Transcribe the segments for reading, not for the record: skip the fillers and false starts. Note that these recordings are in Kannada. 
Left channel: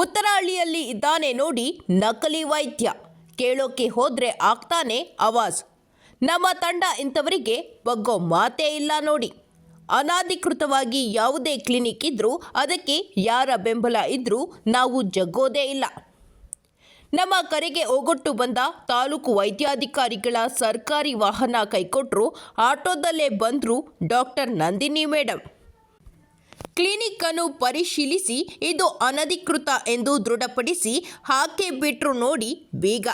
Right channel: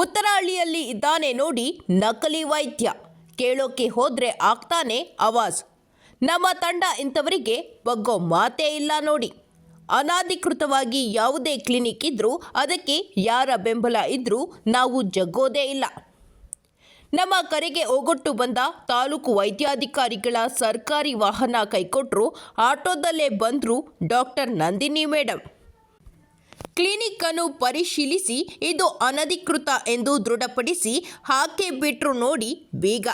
ಉತ್ತರಹಳ್ಳಿಯಲ್ಲಿ ಇದ್ದಾನೆ ನೋಡಿ ನಕಲಿ ವೈದ್ಯ, ಕೇಳೋಕೆ ಹೋದ್ರೆ ಆಗ್ತಾನೆ ಆವಾಜ್. ನಮ್ಮ ತಂಡ ಇಂಥವರಿಗೆ ಬಗ್ಗೋ ಮಾತೇ ಇಲ್ಲ ನೋಡಿ. ಅನಧಿಕೃತವಾಗಿ ಯಾವುದೇ ಕ್ಲಿನಿಕ್ ಇದ್ರೂ ಅದಕ್ಕೆ ಯಾರ ಬೆಂಬಲ ಇದ್ರೂ ನಾವು ಜಗ್ಗೋದೇ ಇಲ್ಲ. ನಮ್ಮ ಕರೆಗೆ ಓಗೊಟ್ಟು ಬಂದ ತಾಲೂಕು ವೈದ್ಯಾಧಿಕಾರಿಗಳ ಸರ್ಕಾರಿ ವಾಹನ ಕೈಕೊಟ್ಟರು. ಆಟೋದಲ್ಲೇ ಬಂದರು ಡಾಕ್ಟರ್ ನಂದಿನಿ ಮೇಡಮ್. ಕ್ಲಿನಿಕ್ ಅನ್ನು ಪರಿಶೀಲಿಸಿ ಇದು ಅನಧಿಕೃತ ಎಂದು ದೃಢಪಡಿಸಿ ಹಾಕಿ ಬಿಟ್ರು ನೋಡಿ ಬೀಗ.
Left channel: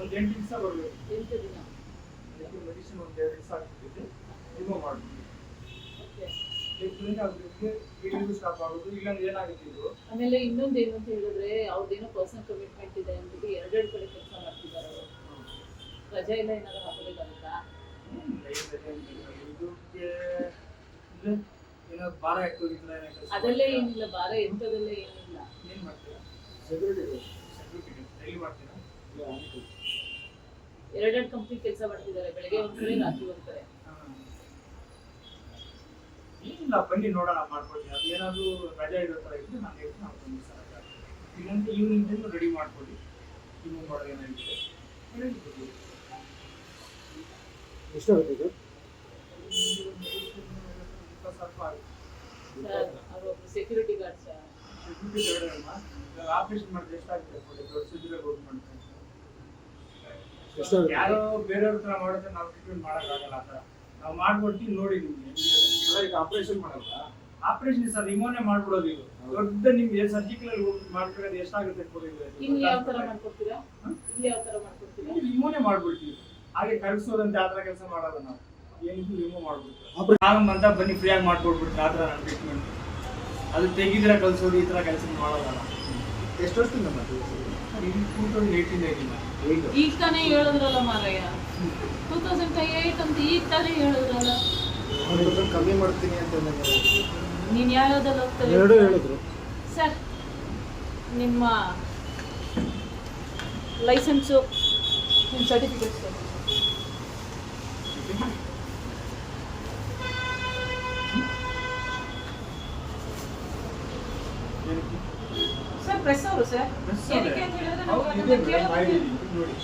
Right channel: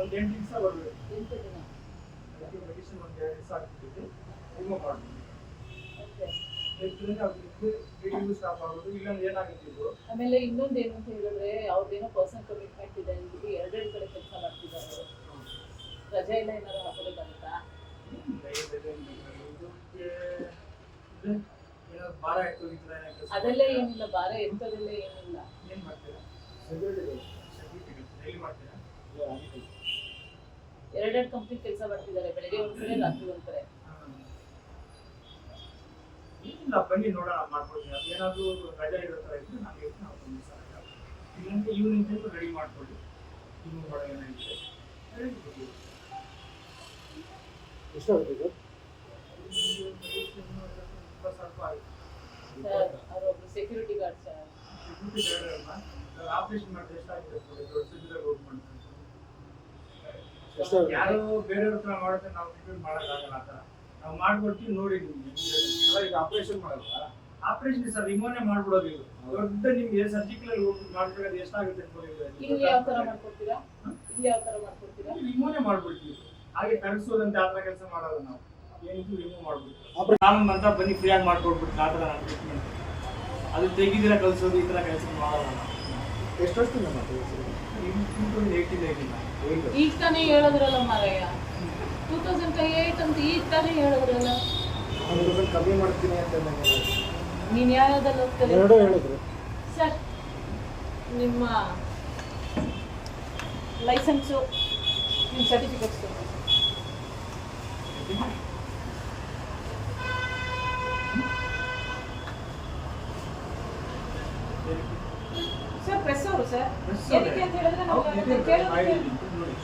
ಒಂದು 8 ದಿವಸ ಬರಬೇಕು. 8 ದಿನ ಮೆಡಿಸಿನ್ ಒಂದು 2 ದಿವಸ ಆಗ್ತಿದೆ ರಿಮೂವ್ ಮಾಡ್ತೀವಿ. ಸ್ಟಾಪ್ ಆಗೋದು ಇಲ್ಲೊಂದು ಏನಾಗುತ್ತಿದ್ದು. ಆಮೇಲೆ ಇನ್ನೊಂದು ಏನು ಅಂತ ಹೇಳಿದ್ರೆ ಅವ್ರದ್ದೇನೋ ಪರ್ಸನಲ್ ಕಮಿಟ್ಮೆಂಟ್ ಇದೆ ಅಂದ್ಬಿಟ್ಟು 2 ಕಡೆ ಕೆಲಸ ಮಾಡ್ತಿದ್ದಾರೆ. ರಜೆ ಎಲ್ಲ ಏನಾದ್ರು ಹಾಕೋಬೇಕಂತ ಏನೋ ಭಾರ ಎತ್ತೋಗಿದ್ರೆ ಅದೆಲ್ಲ ಏನಿಲ್ಲ, ಭಾರ ಎಂಥದೆಲ್ಲ ಏನಿಲ್ಲ. ಏನು ಮಾಡ್ತೀರಾ? ಡೈಲಿ ಮಾಡ್ತೀರಾ? 2 ಕಂಪ್ನಿ ಕೆಲಸ ಮಾಡ್ತಿದ್ದಾರೆ, ಬೆಳಗ್ಗೆ ಒಂದು ಕಡೆ ರಾತ್ರಿ ಒಂದು ಕಡೆ. ಇಲ್ಲ ಬನ್ನಿ ನೋಡೋಣ, ಮಾಡ್ಕೊಡ್ತೀನಿ. ಅದು ಏನಾದರೂ ರಜೆ ಇರೋ ಥರ ಇದ್ದರೆ ನಾನು ಹೇಳ್ತೀನಿ, ಮಾಡ್ಕೊಂಡು ಸರ್. ಇಲ್ಲಂದ್ರೆ ಈವ್ನಿಂಗ್ ರೆಡಿ ಮಾಡ್ಕೊಡಿ. ಇನ್ನೂ ಮಾಡೋ ಏನಾಗಿದೆ ಎಷ್ಟಾಗುತ್ತೆ ಸ್ವಲ್ಪ ಆಯಿತು. ಅವರೊಬ್ಬರು security guard sir. Security guard ಅಲ್ವಾ, ಆಪರೇಷನ್ ಮಾಡಿದ್ರೆ ಎಷ್ಟಾಗಿದೆ ದೊಡ್ಡ ಸರ್ಜರಿ ಹೋಗಿ ಮಾಡ್ತೀವಿ. ಯಾರೋ ಬೇರೆಯವ್ರ ಹತ್ರ ಮಾಡಿದ್ರೆ ನಾವು ಟ್ರೀಟ್ಮೆಂಟ್ ಮಾಡೋಕ್ಕಾಗಲ್ಲ. ಆ ಥರ ನಾವು ಮಾಡ್ಕೊಡ್ತೀವಿ ನೋಡಿ. ನಿಮಗೆ ಈಗ ಆಪರೇಷನ್ ಮಾಡಲ್ಲ, ಆಪರೇಷನ್ ಸರ್ ರಿಮೂವ್ನೇ ಮಾಡ್ಬಿಡೋದು. ಇದು ದೊಡ್ಡ ನಿಮ್ಗೆ ಸರ್ಜಿಕಲ್ ಮಾಡ್ಕೊಳ್ಳೋದು ಎಷ್ಟಾಗುತ್ತೆ ಇಲ್ಲಿ ಯಾವ ಥರ ಮಾಡ್ಕೊಡ್ತೀರಾ? ಇಲ್ಲಿ ಯಾವ ಥರ ಮಾಡ್ಕೊಡ್ತೀರಾ? ರಿಮೂವ್ನೇ ಮಾಡ್ಬಿಡ್ತೀವಿ. ಹಾಗೆ ಕರ್ಗಿಸೋದಂತ ಆ ಥರ ಕೆಲಸ ಮಾಡೋದು ನಾವು. ಏನಿದ್ರು ರಿಮೂವ್ ಮಾಡ್ಬಿಡ್ತೀವಿ. ನಾನು ಅಂತ ಬನ್ನಿ ಫ್ರೀಯಾಗಿ ಮಾಡ್ಕೊಡ್ಬಿಡ್ತೀನಿ. ಆ ಥರ ನಾನು ಟ್ರೀಟ್ಮೆಂಟ್ ಅದು ತೆಗಿದ್ರೆ ಕಲಿಸೋದು ಈ ಥರ ಕೆಲಸ ಮಾಡಲ್ಲ. ಎಷ್ಟು ವರ್ಷದಿಂದ ಮಾಡ್ತೀವಿ? 2018 ಈಗ ತಾನೇ ಹೇಳಿದ್ರಲ್ಲ ಮಾರಯ್ಯ, 2008 ಅಂತ ಈಗ ತಾನೇ ಹೇಳಿದ್ರಲ್ಲ. 1% ಕಮ್ಮಿ ಮಾಡ್ತೀನಿ ಅಂತ ನೀನು ಯಾವ್ಯಾವ್ದಲ್ಲ ಎರಡು ಹೇಳಿದ್ರು ಸರ್. ನಿಮ್ಮ ಲೈಸೆನ್ಸು, ನಿಮ್ಮ ಸರ್ಟಿಫಿಕೇಟ್ಸ್ ಸರ್. ಪ್ರೆಸ್ ಅವರು ಸರ್, ಏನಕ್ಕೆ ಅಂತ ಹೇಳಿದ್ರೆ ನಾವು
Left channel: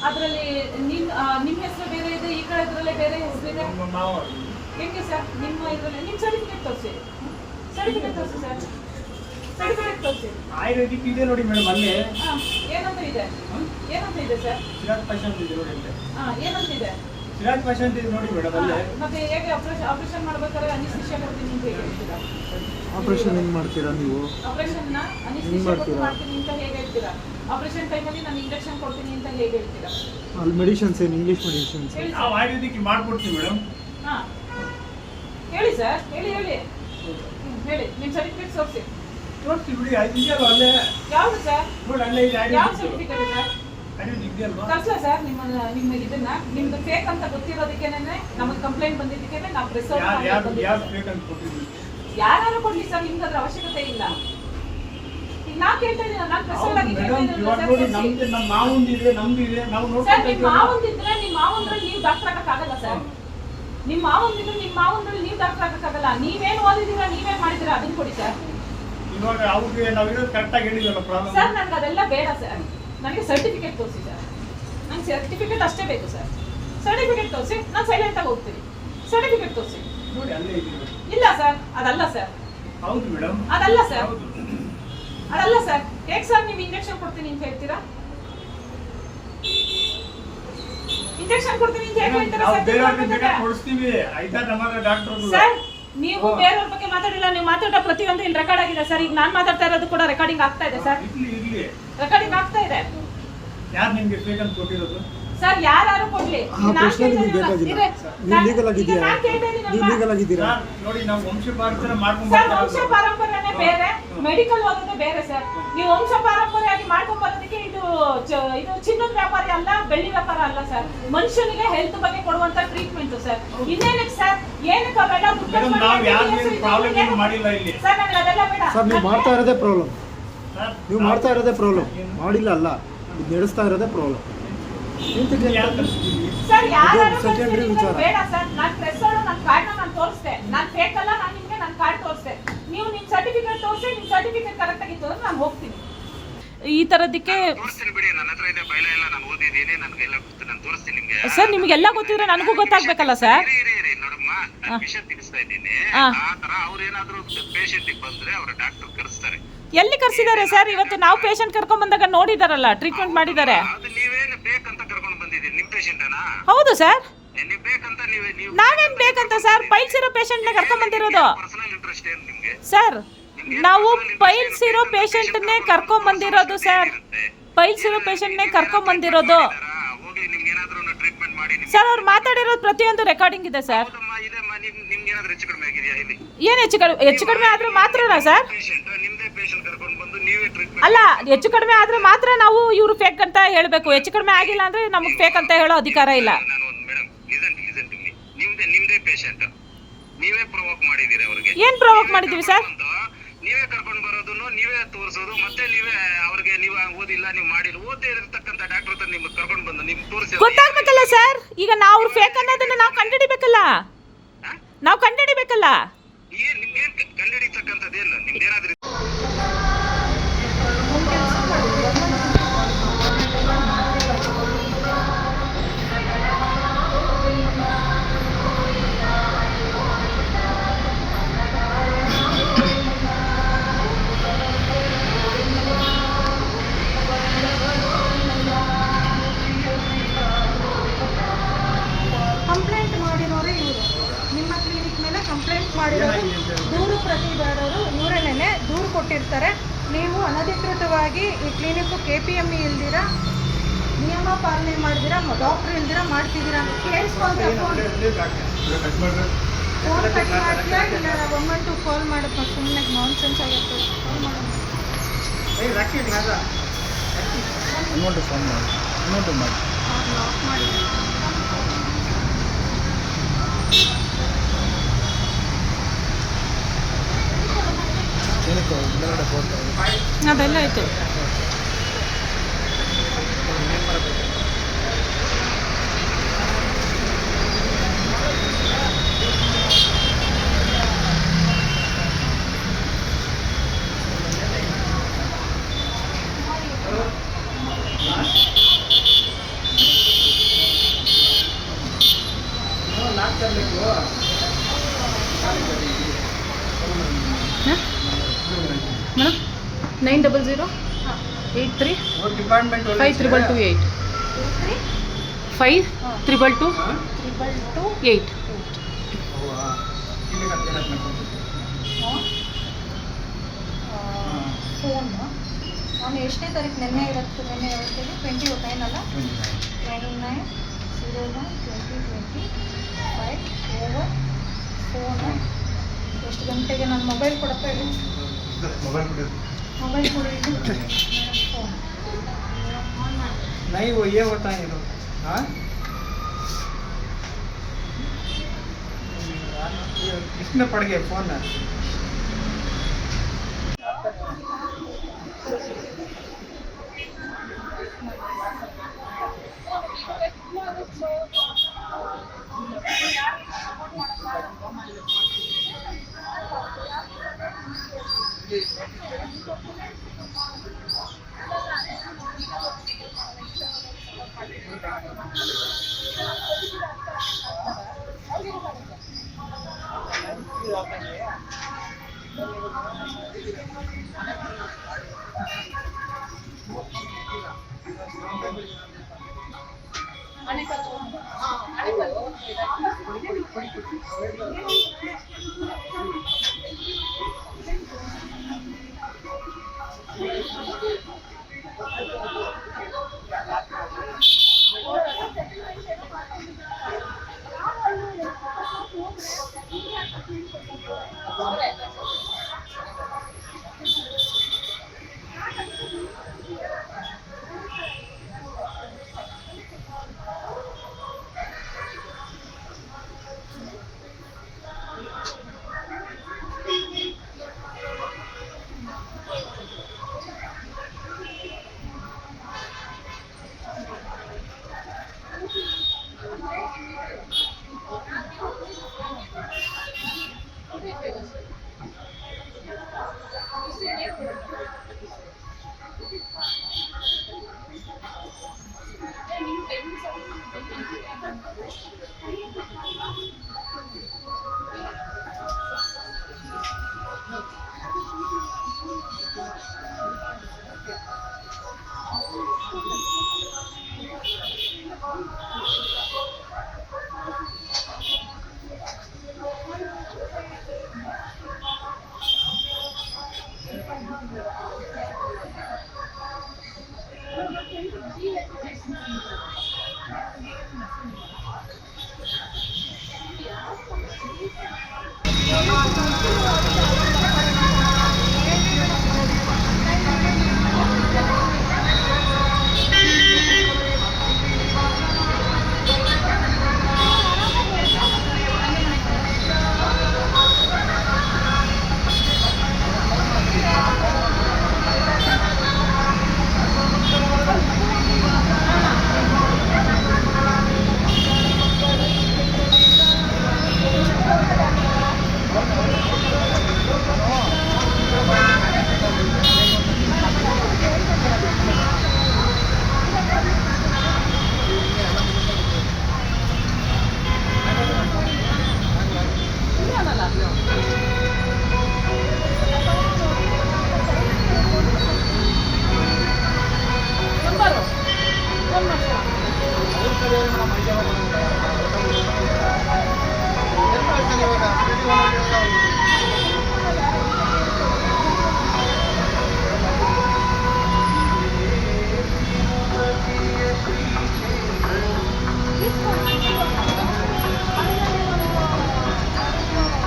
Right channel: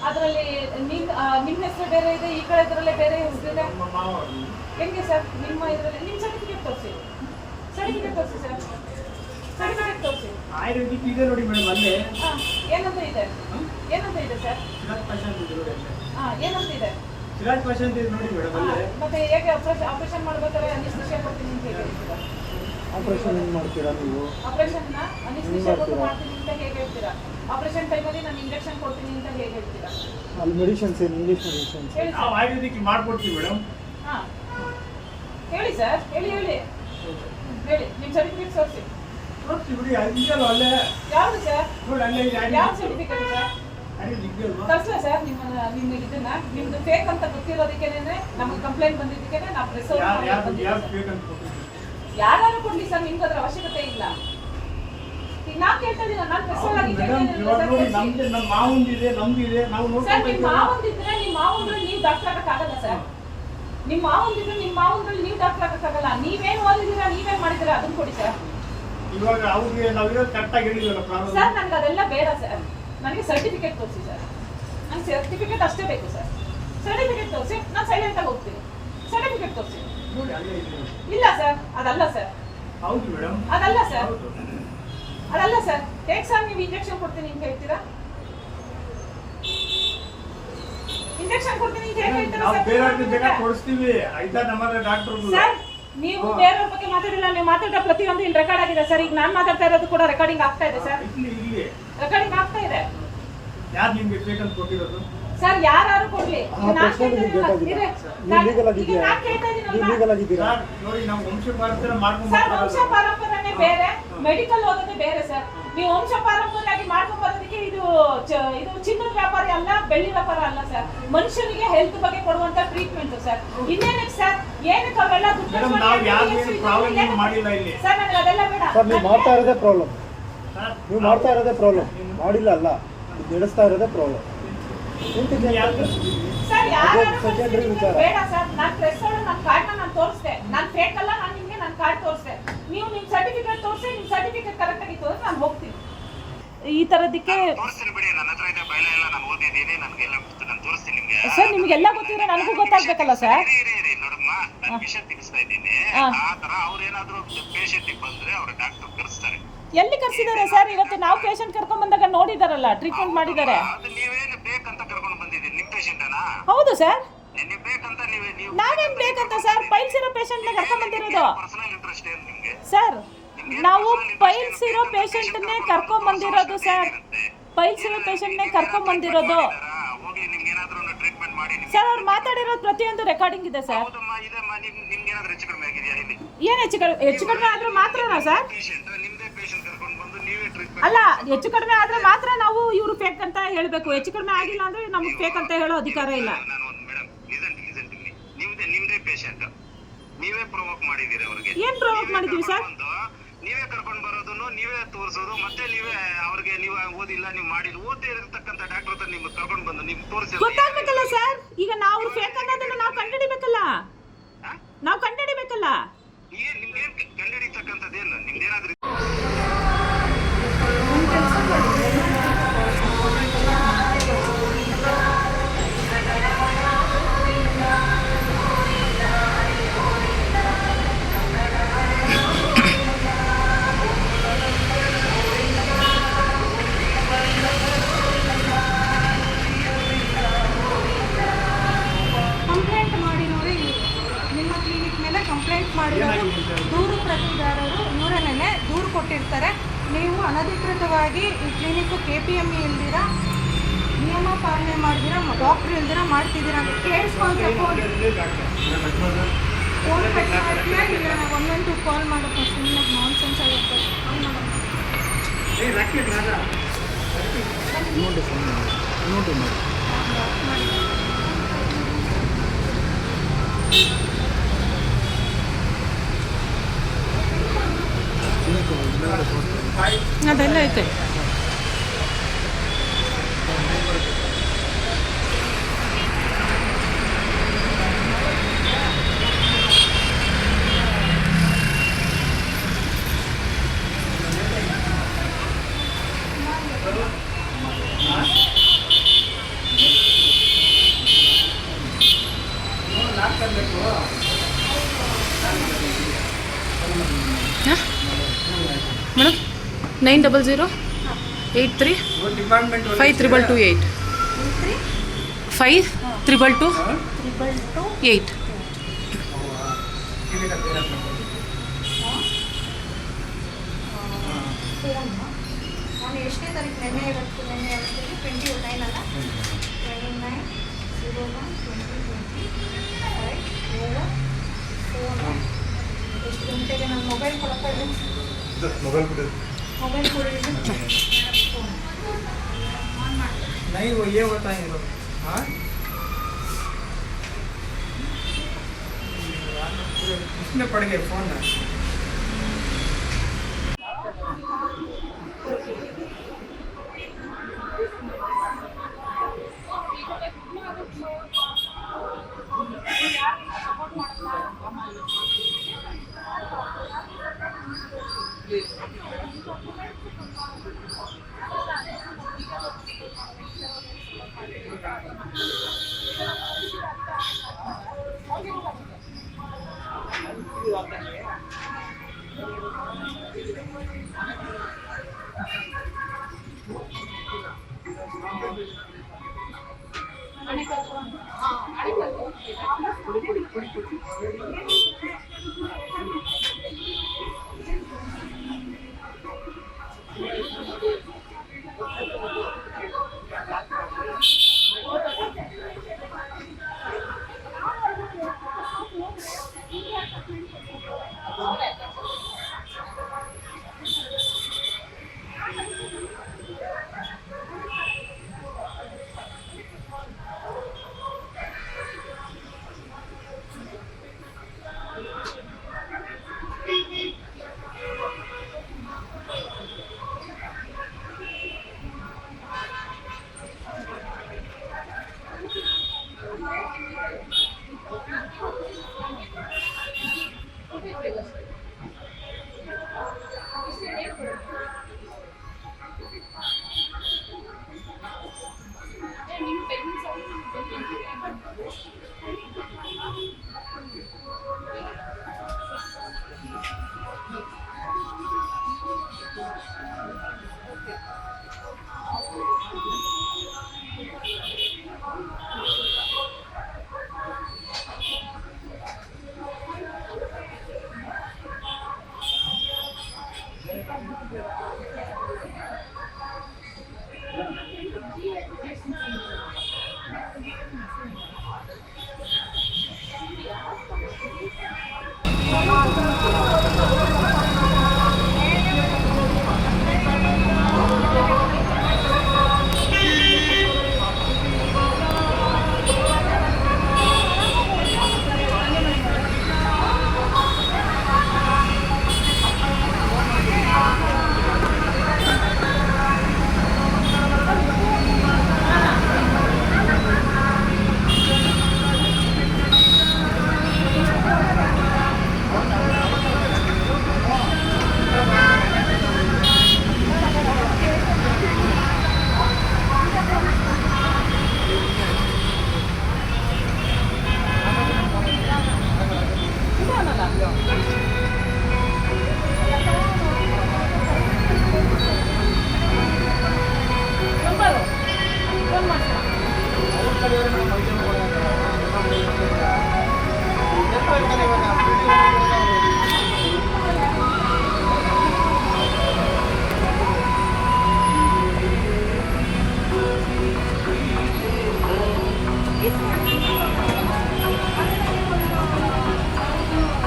ಅದರಲ್ಲಿ ನಿಮ್ಮ ಹೆಸರು ಬೇರೆ ಇದೆ, ಈ ಕಡೆ ಇದರಲ್ಲೇ ಬೇರೆ ಹೆಸರು ಇದೆ. ಹೆಂಗೆ ಸರ್? ನಿಮ್ಮ ಇದರಲ್ಲಿ ನಿಮ್ಮ ಸರ್ಟಿಫಿಕೇಟ್ ತೋರಿಸಿ. ಸರ್ಟಿಫಿಕೇಟ್ ತೋರಿಸಿ ಸರ್, ಸರ್ಟಿಫಿಕೇಟ್ ತೋರಿಸಿ. ಆಯುರ್ವೇದಿಕ್ ಇದೆ ನೋಡಿ ಮೇಡಮ್. ಅಲ್ಲಿ ಏನಂತ ಇದೆ? ಏನಂತ ಇದೆ ಸರ್? ಸಿರಾಜ್ ಪೇಷಂಟ್ ಇದೆ ನೋಡಿ. ಏನಂತ ಇದೆ? ಸಿರಾಜ್ ಪೇಷಂಟ್ ಇದೆ ನೋಡಿ ಮೇಡಮ್. ಅಲ್ಲಿ ಮತ್ತೆ ಹೇಗೆ ಆಪರೇಷನ್ ಮಾಡ್ಬೇಕಾದ್ರೆ ಅನಿಸ್ತೇಷಿಯಾ ಕೊಡ್ತೀನಿ ಅಂತ ಹೇಗೆ ಹೇಳ್ತೀರಾ? ಆಪರೇಷನ್ ಏನು ಮಾಡ್ತೀರಾ ನೀವು? ಆಪರೇಷನ್ನ ಅನಿಸ್ತೇಷಿಯಾ ಕೊಟ್ಟು ಮಾಡ್ತೀನಿ ಅಂತ ಹೇಗೆ ಹೇಳ್ತೀರಾ? ಆಪರೇಷನ್ ಟೈಮಲ್ಲಿ ನಾನು ಇಂಜೆಕ್ಷನ್ ಕೊಡ್ತೀನಿ ಅಂತ ಹೇಗೆ ಹೇಳ್ತೀರಾ? ಅಲ್ಲಿ ಮೆಡಿಸಿನ್ಸ್ ಏನು, ಇಂಗ್ಲೀಷ್ ಮೆಡಿಸಿನ್ಸ್ ನಾವು ಆಯುರ್ವೇದಿಕ್ ಮಾಡ್ಕೊಡ್ತೀವಿ ಮೇಡಮ್. ಹಾಂ ಹೇಳಿ ಸರ್, ಹೇಳಿ ಹೇಳಿ ಹೇಳಿ. ನಿಮ್ಮ ಸರ್ಟಿಫಿಕೇಟ್ ತೋರಿಸಿ. ನೋಡ್ತೀವಿ ಬಿಡಿ. ಅದು ಇದೆಯಲ್ಲ ಅಲ್ಲೇ. ಯಾವುದು ಸರ್? ನೋಡಿ ಅಲ್ಲೇ ಇದೆ ಯಾವ ಆಯುರ್ವೇದಿಕ್. Certificate sir? ಆಯುರ್ವೇದಿಕ್ ಇದೆಯಲ್ವಾ? ಕಳ್ಸೋ ಸರ್. ನಿಮ್ಮ ಇದನ್ನ ನಿಮ್ದು ಫೇಕ್ ಅಂತ ಗೊತ್ತಿರೋದಕ್ಕೇನೆ ನಮಗೆ ಕಂಪ್ಲೇಂಟ್ ಬಂದಿದ್ದಕ್ಕೇನೆ ನಾವು ಪ್ರೆಸ್ ಯಾರು ಬೇಕಂತ ಕೊಟ್ಟಿದ್ದೀವಿ. ಯಾರು ಕೊಡ್ಲಿ ಸರ್, ನಿಮ್ಗೆ ಅದ್ರ ಅವಶ್ಯಕತೆ ಇಲ್ಲ. ಈಗ ನಾ ಕೇಳ್ತಾ ಇದ್ದೀನಿ, ನಾನು ಪ್ರೆಸ್ ಇವಾಗ ನೋಡಿ ನಮ್ದು ನಮ್ಮ ಮಾವಂದಿದೆ, ನಮ್ದಿದೆ, ನಾವು ಸರ್. ನಿಮ್ಮ ನೋಡ್ಕೊಂಡು ಮಾವಂದಿದ್ರೆ ನಿಮ್ಮ ಮಾವಂದ್ರಲ್ಲಿ ನೀವು ಡಾಕ್ಟರ್ ಆಗಕ್ಕಾಗಲ್ಲ ಸರ್. ನಿಮ್ಮ ಮಾವಂದಿದ್ರೆ ನಿಮ್ಮ ಮಾವಂದ್ರಲ್ಲಿ ನೀವು ಡಾಕ್ಟರ್ ಆಗಕ್ಕಾಗಲ್ಲ. ನೀವೇನು ಓದಿದ್ದೀರಾ, ನೀವೇನು ಮಾಡಿದ್ದೀರಾ ಅದನ್ನ ಕೊಡಿ ಸರ್. ಇವಾಗ ಅವ್ರಿಗೆ ನಾವಿರೋದು ಕರೆಕ್ಟಾಗಿ ಹೇಳಿದ್ವಲ್ಲ ಪ್ರಾಬ್ಲಮ್. ಸರ್ ನನಗೆ ಅದೆಲ್ಲ ಬೇಡ ಸರ್, ನನಗೆ ಸರ್ಟಿಫಿಕೇಟ್ ತೋರಿಸಿ ಸರ್. ನಂಗೆ ಸರ್ಟಿಫಿಕೇಟ್ ಅಷ್ಟೇ ಬೇಕು ಸರ್. ಸರ್ಟಿಫಿಕೇಟ್ ತೋರಿಸಿ, ನಾನು ಸೈಲೆಂಟಾಗಿ ಹೋಗ್ತೀನಿ. ಸರ್ಟಿಫಿಕೇಟ್ ತೋರಿಸಿ. ನೋಡಿ ಅಲ್ಲೇ ಇದೆ. ಇಲ್ಲ ಸರ್, ಅದಲ್ಲ ಸರ್. ಹೌದು ಮೇಡಮ್, ಅದಲ್ಲ ಸರ್, ಹೌದು. ಅದಲ್ಲ ಸರ್. ಹೇಗೆ ಸರ್ ನೀವು ಇಂಜೆಕ್ಷನ್ ಕೊಡ್ತೀನಿ ಅಂತ ಹೇಳ್ತೀರಾ? ಇಂಜೆಕ್ಷನ್ ಕೊಡ್ತೀನಿ ಅಂತ ಹೇಗೆ ಹೇಳ್ತೀರಾ ನಾವು ಸರ್? ಬೇರೆಯವ್ರಿಗೆ ಬೇಕಾದ್ರೆ ಕೊಡಿಸ್ತೀವಿ. ಆಯ್ತಾ? ನಮ್ಮ ಡಾಕ್ಟರ್ ಸರ್ ನೀವು ಬೇರೆಯವ್ರ ಬಗ್ಗೆ ಮಾತಾಡಿಲ್ಲ, ನೀವು ಮಾತಾಡೋ ಪ್ರತಿಯೊಂದು ಇಲ್ಲಿ ರೆಕಾರ್ಡ್ ಆಗಿದೆ ಸರ್. ಈಗ ನಾನು ಮಾತಾಡ್ತಾ ಇರೋದು ಕೂಡ ರೆಕಾರ್ಡಿಂಗ್ ಆಗ್ತಾ ಇದೆ ಸರ್. ಇರ್ಲಿ. ರೆಕಾರ್ಡಿಂಗ್ ಆಗ್ತಾ ಇದೆ. ಯಾರು ನಿಮ್ಗೆ ಬೇಕಂತ ಕೊಟ್ಟಿರೋದು? ಸರ್ ಯಾರು ಕೊಡ್ಲಿ. ಆ ಪ್ರಶ್ನೆ ನಿಮಗೆ ಬೇಕಾಗಿಲ್ಲ. ನೀವು ಲೀಗಲ್ ಆಗಿದ್ದೀರಾ? ನೀವು ಲೀಗಲ್ ಆಗಿದ್ದೀರಾ? ಸರ್ ನೋಡಿ, ನಾವು ವಂಶ ಪಾರಂಪರ್ಯ ಮಾಡ್ಕೊಂಡು ಸರ್ ವಂಶ ಪಾರಂಪರ್ಯನೇ ಬೇರೆ, ಮೆಡಿಕಲ್ ಓದೋದೇ ಬೇರೆ ಸರ್. ನೀವು ವಂಶ ಪಾರಂಪರ್ಯವಾಗಿ ಮಾಡ್ಕೊಂಡು ಬರೋದಕ್ಕೆ ಇದು ಇದು ಚಿನ್ನದ ವ್ಯಾಪಾರಿ ಅಲ್ಲ, ಬೆಳ್ಳಿ ವ್ಯಾಪಾರ ಅಲ್ಲ ಸರ್. ಮನುಷ್ಯನಿಗೆ ಹೆಲ್ತ್ ಬಗ್ಗೆ ಕೊಡುವಂತ ಟ್ರೀಟ್ಮೆಂಟ್ ಸರ್. ಇನ್ನೇನಕ್ಕೆ ಸರ್, ಏನಕ್ಕೆ ಅವೆಲ್ಲ ಮೇಡಮ್ ನಾವು ಯಾರು ಪ್ರಾಬ್ಲಮ್ ಏನು ಮಾಡಿಲ್ಲ ಇಲ್ಲಿ. ಸರ್ ನನಗೆ ಅದೆಲ್ಲ ಬೇಡ. ಸರ್ ನೀವು ಮಾಡ್ತಾ ಇರೋದೇ ಪ್ರಾಬ್ಲಮ್, ನೀವು ಮಾಡ್ತಾ ಇರೋದೇ ಪ್ರಾಬ್ಲಮ್, ಮಾಡಿಲ್ಲ ಅಲ್ಲ, ಇದು ನಡೆಸ್ತಾ ಇರೋದೇ ಪ್ರಾಬ್ಲಮ್. ಸರ್ ಯಾರು ಸೆಕೆಂಡ್ರಿ ವಿಚಾರ. ಬೇಡ ಸರ್, ನಾನು ಪ್ರೆಸ್ ಅವಳು ನನ್ನ ಕಾರ್ಡ್ನ ನಾನು ತೋರಿಸ್ದೆ. ನಾನು ಫೇಕ್ ಅಲ್ಲ, ನಾನು ನಿಮಗೆ ನನ್ನ ಕಾರ್ಡ್ ತೋರಿಸ್ದೆ. ನೀವು ನಿಮ್ಮ ಸರ್ಟಿಫಿಕೇಟ್ ತೋರಿಸಿ, ನಿಮ್ಮ ಸರ್ಟಿಫಿಕೇಟ್ ಕರೆಕ್ಟ್ ಆಗಿ ತೋರಿಸಿ ನಾನು ಹೋಗ್ತೀನಿ. ಈ ತರದಕ್ಕೆ ತೋರಿಸ್ತೀನಿ ಬಿಡಿ, ನನ್ನ ಹತ್ರ ಇದೆ ಫೈಲ್ ಎಲ್ಲ, ನಾನು ಓದಿದ್ದೀನಿ, ನನಗೆಲ್ಲ ಗೊತ್ತು, ನಾನು ತೋರಿಸ್ತೀನಿ ನಿಮ್ಗೆ. ಸರ್ ನಿಮಗೆಲ್ಲ ಗೊತ್ತಿದ್ರೆ ನನಗೂ ಗೊತ್ತಾಗ್ಬೇಕಲ್ಲ ಸರ್. ಇರಿ ನೋಡಮ್ಮ, ನಾನು ವಿಷಯ ತಿಳಿಸ್ತಾ ಇದ್ದೀನಿ. ಆ ತರ ಅವ್ರೇನಾದ್ರೂ ಪೇಷಂಟ್ ಬಂದ್ರೆ ಅವ್ರ ಡಾಕ್ಟರ್ ಕರೆಸ್ತಾರೆ. ಎಲ್ಲಿ ಕರ್ಸಿದ್ದಾರೆ ಸರ್? ಇವತ್ತು ನಾವು ಪೇಷಂಟ್ ಕರ್ಕೊಂಡ್ ಬಂದಾಗ ನೋಡಿದಾರಲ್ಲ, ಟ್ರೀಟ್ಮೆಂಟ್ ಮಾಡಿದ್ದಾರೆ. ಅದು ನೀವೇನು ಬೇಕಂತ ಕರ್ಕೊಂಡು ಬಂದಿದ್ದೀರಿ, ನಿಮ್ ಪೇಷಂಟನಾ? ಹೌದು ಸರ್. ನೀವು ಬೇಕಂತ ನೀವು ನಾವೇನ್ ಬೇಕಂತ ಸರ್, ಪೈಲ್ಸ್ ಇರೋ ಪೇಷಂಟ್ ನ ಕರ್ಕೊಂಡ್ ಬಂದಿರೋದು ಪರ್ಸನಲ್ ಇಂಟ್ರೆಸ್ಟ್ ಏನು ನಿಮ್ಗೆ? ಸರ್ ನಾವು ಪೈಲ್ಸ್ ಇರೋ ಪೇಷಂಟ್ ನೇ ಕರ್ಕೊಂಡ್ ಬಂದಿರೋದು ಸರ್. ಪೈಲ್ಸ್ ಇರೋ ಪೇಷಂಟ್ ನೇ ಕರ್ಕೊಂಡ್ ಬಂದಿರೋದು ಹೋಗ್ಲಿ, ನಿಮ್ಗೆ ಏನಾದ್ರೂ ಟ್ರೀಟ್ಮೆಂಟ್ ಮಾಡಿ ಸರ್. ಅವ್ರು ಮಾತಾಡಿರೋದು ಪ್ರತಿಯೊಂದು ರೆಕಾರ್ಡಿಂಗ್ ಇದೆ ಸರ್. ಹೌದಮ್ಮ, ಇದೆಮ್ಮ, ನಿಮ್ಗೆ ಏನಾದ್ರೂ ಹೆಚ್ಚು ಕಡಿಮೆ ಆಗಿದೆಯಾ ಇಲ್ಲಿ? ಏನ್ ಹೆಚ್ಚು ಕಡಿಮೆ ಆದ್ರೂ ಮಾತ್ರನಾ ಸರ್? ಪೇಷಂಟ್ ನಿಮ್ದೇ ಪೇಷಂಟ್ ಕರ್ಕೊಂಡು ಬಂದು ನೀವೇ ಟ್ರೀಟ್ಮೆಂಟ್ ಅಲ್ಲ, ಹೆಚ್ಚು ಕಡಿಮೆ ಆದ್ರೆ ಮಾತ್ರ ನಾವು ಇವ್ರು ಫೇಕ್ ಅಂತ ಹೇಳ್ಬೇಕು. ಹೆಚ್ಚು ಕಡಿಮೆ ಆಗಿಲ್ಲ ಅಂದ್ರೆ ನಮ್ಗೆ ಫೇಕ್ ಅಂತ ಹೇಳೋ ಅಧಿಕಾರ ಇಲ್ಲ. ನಾನು ಒಂದು ಮೇಡಮ್ ಲಿಸನ್ ಟು ಮೀ, ನಿಮ್ದೇ ಪೇಷಂಟ್, ನೀವೇ ಪ್ರೊವೋಕ್ ಮಾಡಿದೀರಿ ಅವ್ರಿಗೆ. ಏನ್ ಪ್ರೊವೋಕ್ ಮಾಡಿದೀವಿ ಸರ್? ನೀವೇ ಕರ್ಕೊಂಡು ಬರೋದನ್ನು ನೀವೇ ತೋರಿಸೋದು, ಮತ್ತೆ ನೀವೇ ಅವ್ರಿಗೆ ನೀವು ಓದಿಲ್ಲ, ನೀವು ಮಾಡಿಲ್ಲ, ಓದೇ ಇರತಕ್ಕಂತ ಡಾಕ್ಟರ್ ಹತ್ರ ನಿಮ್ಗೆ ಕರ್ಕೊಂಡು ಬಂದು ನಿಮ್ಗೆ ತೋರಿಸಿ ಗೊತ್ತಾಗ್ಬೇಕಲ್ಲ ಸರ್. ಈಗ ನಾವು ಫೇಕ್ ಅನ್ನೋದನ್ನ ನಾವು ಕಂಡುಹಿಡಿಬೇಕಲ್ಲ, ನಾವು ಕಂಡುಹಿಡಿಬೇಕಲ್ಲ. ನಿಮ್ಗೇನ್ ಕಂಡುಹಿಡಿತಕ್ಕಂಥದ್ದೇನು? ನಿಮ್ದೇನಾದ್ರೂ ಕಂಪ್ಲೇಂಟ್ ಮಾಡಿರೋರು ಇವರು. ನಿಮ್ಮ ಕ್ಲಿನಿಕ್ ಮೇಲೆ ಕಂಪ್ಲೇಂಟ್ ಮಾಡಿರೋರು ದೂರು ಪ್ರತಿದಾರರು ಇವರನ್ನೇ ದೂರು ಕೊಟ್ಟಿರ್ತಾರೆ. ನೀವು ಅನಧಿಕೃತವಾಗಿ ಈ ಕ್ಲಿನಿಕ್ KPME ಇಲ್ದಿರ, ನಿಯಮ ಪಾಲನೆ ಮಾಡಿದಿರ, ಡಾಕ್ಟ್ರ್ ಇಲ್ದಿರ ಮಾಡ್ತಿದ್ದೀರಾ ಅಂತ ಕೇಳಿಸ್ಕೊಂಡ್ರೆ ಫೋನ್ ಕಟ್ ಮಾಡ್ತೀರಾ, ಇಲ್ಲ 112 ಕಾಲ್ ಮಾಡಪ್ಪ, ಸುಮ್ಮನೆ ನಾನ್ ಸೆನ್ಸ್ ಆಗುತ್ತೆ. ಕಾಲ್ ಮಾಡೋಣ. ಲಾಕ್ ಮಾಡಿ. ಅದೆಲ್ಲ ಆಯ್ತು. ಮೇಡಮ್ 90083 5228 5228. ಫೋನ್ ನಾನು ಎಷ್ಟನೇ ತಾರೀಕು? ನಿನ್ನೆ ಯಾವತ್ತೇಳಿ 29 ಅಲ್ಲ, 29/01/2025 ಓವರ್ ಫೋನು. ಎಷ್ಟು ಗಂಟೆಗೆ? ನನ್ನ ಮೊಬೈಲ್ ಕೊಡಪ್ಪ, ಇದು ಮೊಬೈಲ್ ಕೊಡಿ. ಫೋನ್ नहीं वो ये होता है तो हाँ इसमें पड़ गया फोन ना।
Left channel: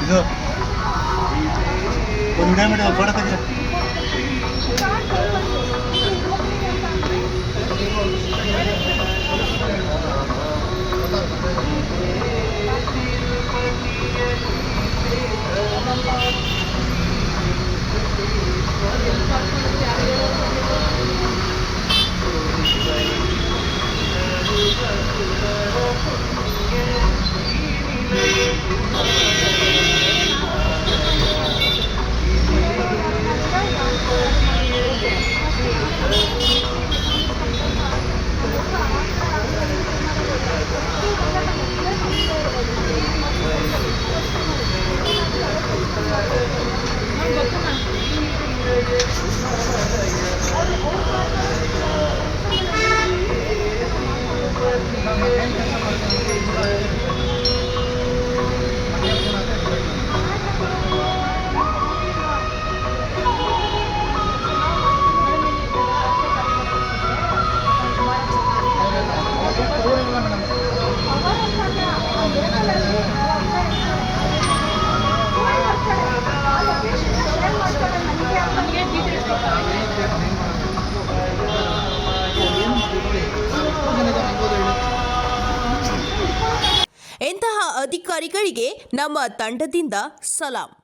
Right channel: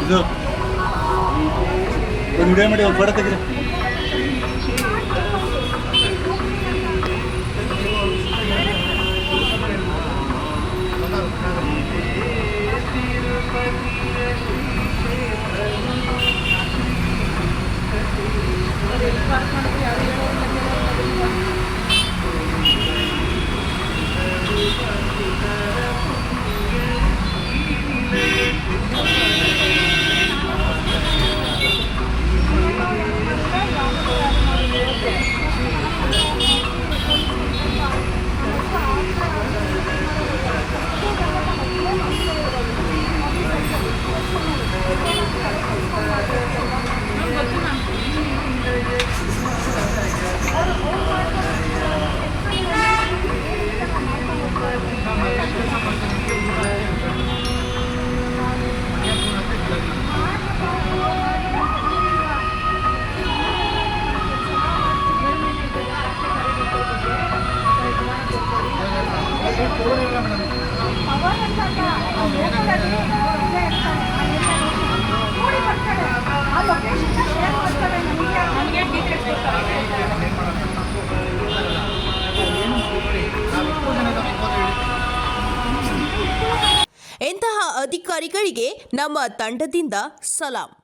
ಇದು ಒಂದು ವಿಡಿಯೋ ಮಾಡಿ ಒಂದು ಫೋಟೋ ತೆಗೀರಿ. ಇಂತಹ ಅಧಿಕಾರಿಗಳಿಗೆ ನಮ್ಮ ತಂಡದಿಂದ ಸಲಾಂ.